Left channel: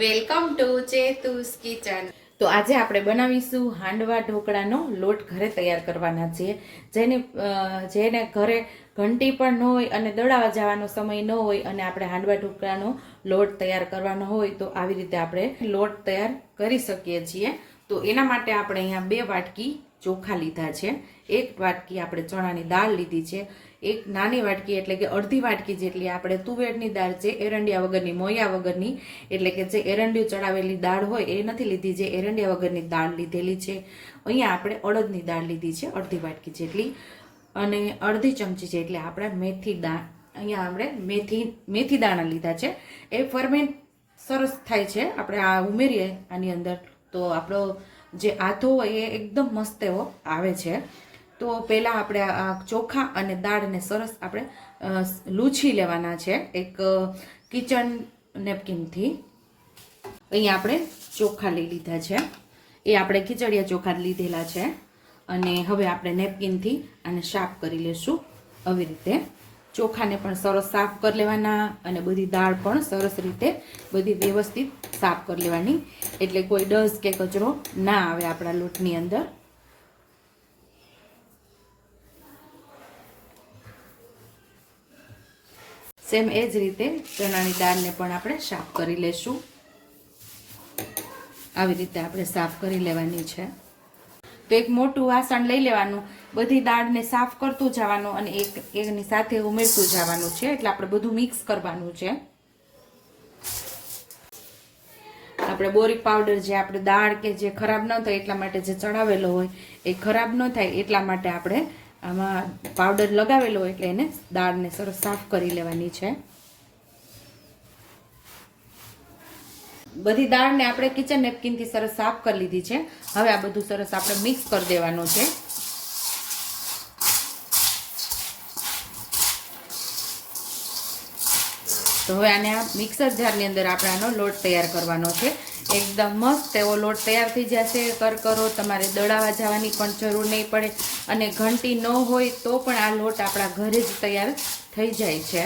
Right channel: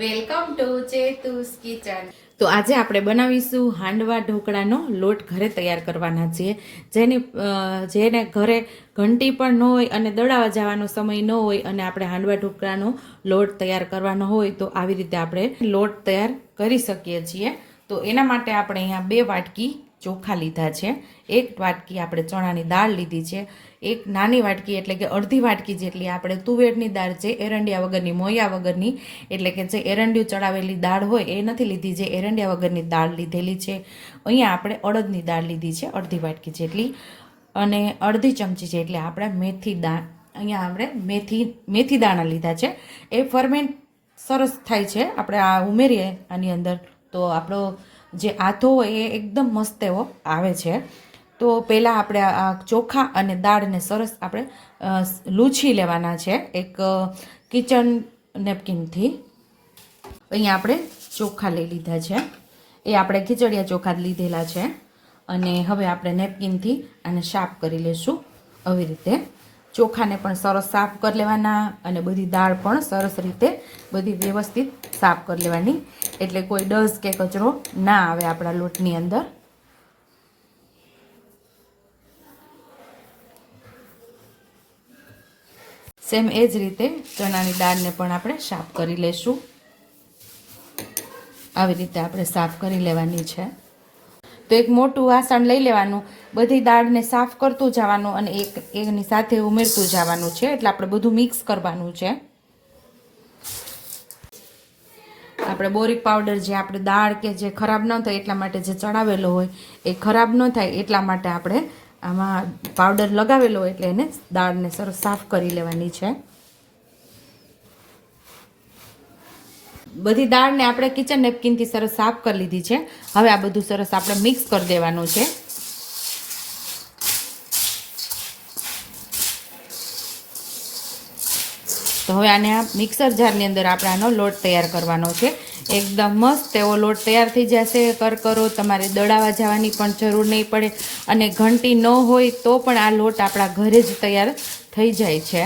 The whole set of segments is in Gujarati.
Welcome to ચેતુસ kitchen. તો આજે આપણે બનાવીશું હાંડવા ઢોકળાનો લોટ ઘરે તૈયાર કરવાના છીએ. જેને જેને ઘરે ઘંટી પણ ન હોય અને દળાવા જવાનો સમય ન હોય અને આપણે હાંડવા ઢોકળાનો લોટ તૈયાર કરવાનો હોય તો આવી રીતે આપણે લોટ તૈયાર કરી શકીએ છીએ. તો એના માટે આપણે અહીંયા બે વાટકી ચોખા લીધા છે. એક વાટકી આપણે ચણાની દાળ લીધી છે. એક નાની વાટકી એટલે કે અડધી વાટકી જેટલી આપણે તુવેરની દાળ છે, એરંડિયા વગરની, મોયા વગરની, એટલે કે જે એરંડિયું ચડાવેલી દાળ હોય એ નથી લીધી, જે એરંડિયા વગરની દાળ લીધેલી છે. અહીંયા આપણે અડદની દાળ લીધી છે, અડધી વાટકી જેટલી. અને અડધી ચમચી જેટલી આપણે મેથી દાળ અહીંયા આપણે મેથી મેથી દાણા લીધા છે. એ ફરમેન્ટ સરસ થાય છે. આપણે આ ઉમેરીએ આની અંદર. તો આપણો જે આથો હોય એ એકદમ મસ્ત એવો આવે છે. તો પહેલાં આપણે આ ચોખા અને દાળને સરસ આપણે લૂછી લેવાના છે એક કિચન નેપકિનથી અહીંયા આપણે ચોખા લઈ લીધા છે. એ આપણે ખીચડિયા ચોખા લીધેલા છે. અને હવે આપણે નેપકિનથી આને સાફ કરી લેશું. આવી રીતે. ચોખાને પણ સરસ સાફ કરી લેવાના અને બધી દાળ પણ સરસ રીતે બધી વ્યવસ્થિત સાફ કરી લેવાની. એટલે કોઈ ડસ કે કચરો ના આવે આપણા લોટની અંદર. સેમ એ જ રીતે ચણાની દાળને પણ આપણે સાફ કરી લેશું. આવી રીતે આપણે સાફ કરી લેવાની છે. તો એક મોટું વાસણ લઈ લેવાનું. બધી દાળને સાફ કરતું જવાનું અને એક એની સાથે ઉમેરતું જવાનું છે. એટલે આપણે બધું મિક્સ કરવાનું છે. આપણે બોરિક પાવડર જે આપણે દાળ કે જે ખરાબ ન થાય એટલા માટે જે ચડાવેલો હોય એ ખરાબ ન થાય એટલા માટે આપણે આમાં પાવડર લગાવેલો હોય એટલે એને દાળને સરસ સાફ કરી લેવાની છે. બધી દાળને આપણે કિચન નેપકિનથી સરસ સાફ કરી લીધી છે. હવે આ બધું સરસ આપણે મિક્સ કરી દેવાનું છે. તો હવે આને આ મિક્સર જારની અંદર આપણે આનો લોટ તૈયાર કરવાનો છે. એકદમ મસ્ત એવો લોટ તૈયાર થઈ જશે. કરકરો તમારે દળાવા જવાની પણ જરૂર નહીં પડે અને ઘંટી ન હોય તો પણ આ લોટ આપણા ઘરે જ તૈયાર થઈ જાય છે.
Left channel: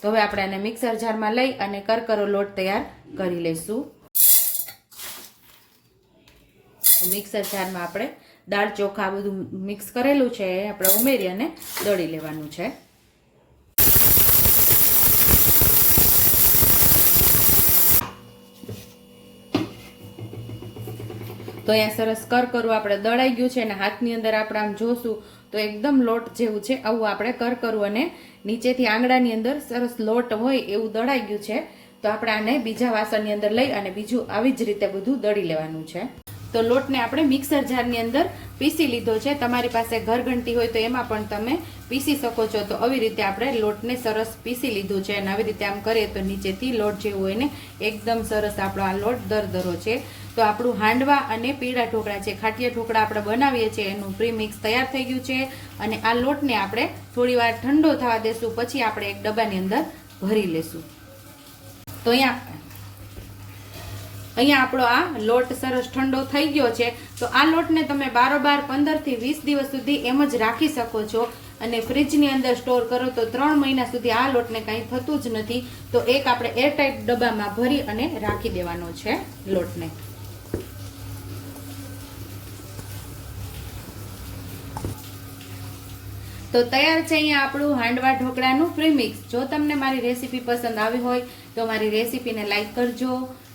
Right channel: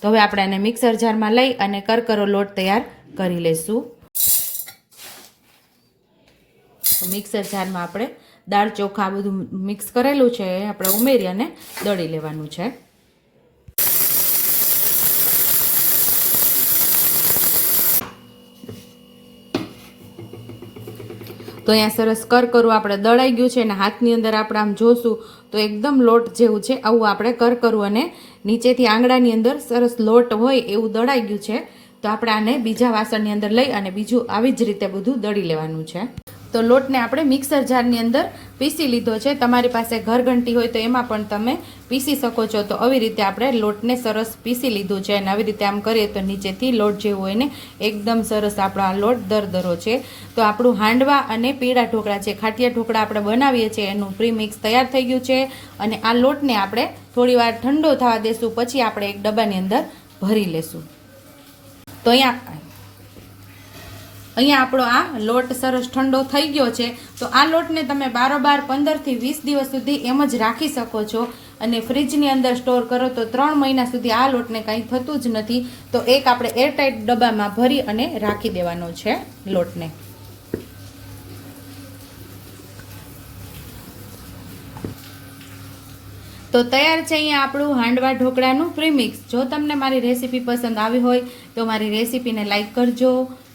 તો હવે આપણે આને મિક્સર જારમાં લઈ અને કરકરો લોટ તૈયાર કરી લઈશું મિક્સર જારમાં આપણે દાળ ચોખા બધું મિક્સ કરેલું છે, એ આપણે ઉમેરી અને દળી લેવાનું છે. તો અહીંયા સરસ કર કરું આપણે દળાઈ ગયું છે અને હાથની અંદર આપણે આમ જોશું તો એકદમ લોટ જેવું છે. આવું આપણે કર કરવું અને નીચેથી આંગળાની અંદર સરસ લોટ હોય એવું દળાઈ ગયું છે. તો આપણે આને બીજા વાસણની અંદર લઈ અને બીજું આવી જ રીતે બધું દળી લેવાનું છે. તો લોટને આપણે મિક્સર જારની અંદર પીસી લીધો છે. તમારી પાસે ઘરઘંટી હોય તો એમાં પણ તમે પીસી શકો છો. તો આવી રીતે આપણે લોટને સરસ પીસી લીધું છે અને આવી રીતે આમ કરીએ તો નીચેથી લોટ જેવું હોય ને એકદમ સરસ આપણો આ લોટ દરદરો છે. તો આપણું હાંડવા અને પીળા ઢોકળા છે. ખાટિયા ઢોકળા આપણે બનાવીએ છીએ. એનું પ્રીમિક્સ તૈયાર થઈ ગયું છે અને આ લોટને આપણે થોડીવાર ઠંડો થવા દેશું. પછી આપણે એક ડબ્બાની અંદર ભરી લેશું. તો અહીંયા અહીંયા આપણો આ લોટ સરસ ઠંડો થઈ ગયો છે. તો આ લોટને તમે બારોબાર પંદરથી વીસ દિવસ સુધી એમ જ રાખી શકો છો. અને ફ્રીજની અંદર સ્ટોર કરો તો ત્રણ મહિના સુધી આ લોટને કાંઈ થતું જ નથી. તો એક આપણે એરટાઇટ ડબ્બામાં ભરી અને રાખી દેવાનો છે લોટને. તો તૈયાર છે અહીંયા આપણું હાંડવા ઢોકળાનું પ્રીમિક્સ. જો તમને મારી રેસીપી પસંદ આવી હોય તો મારી રેસીપીને લાઇક કરજો.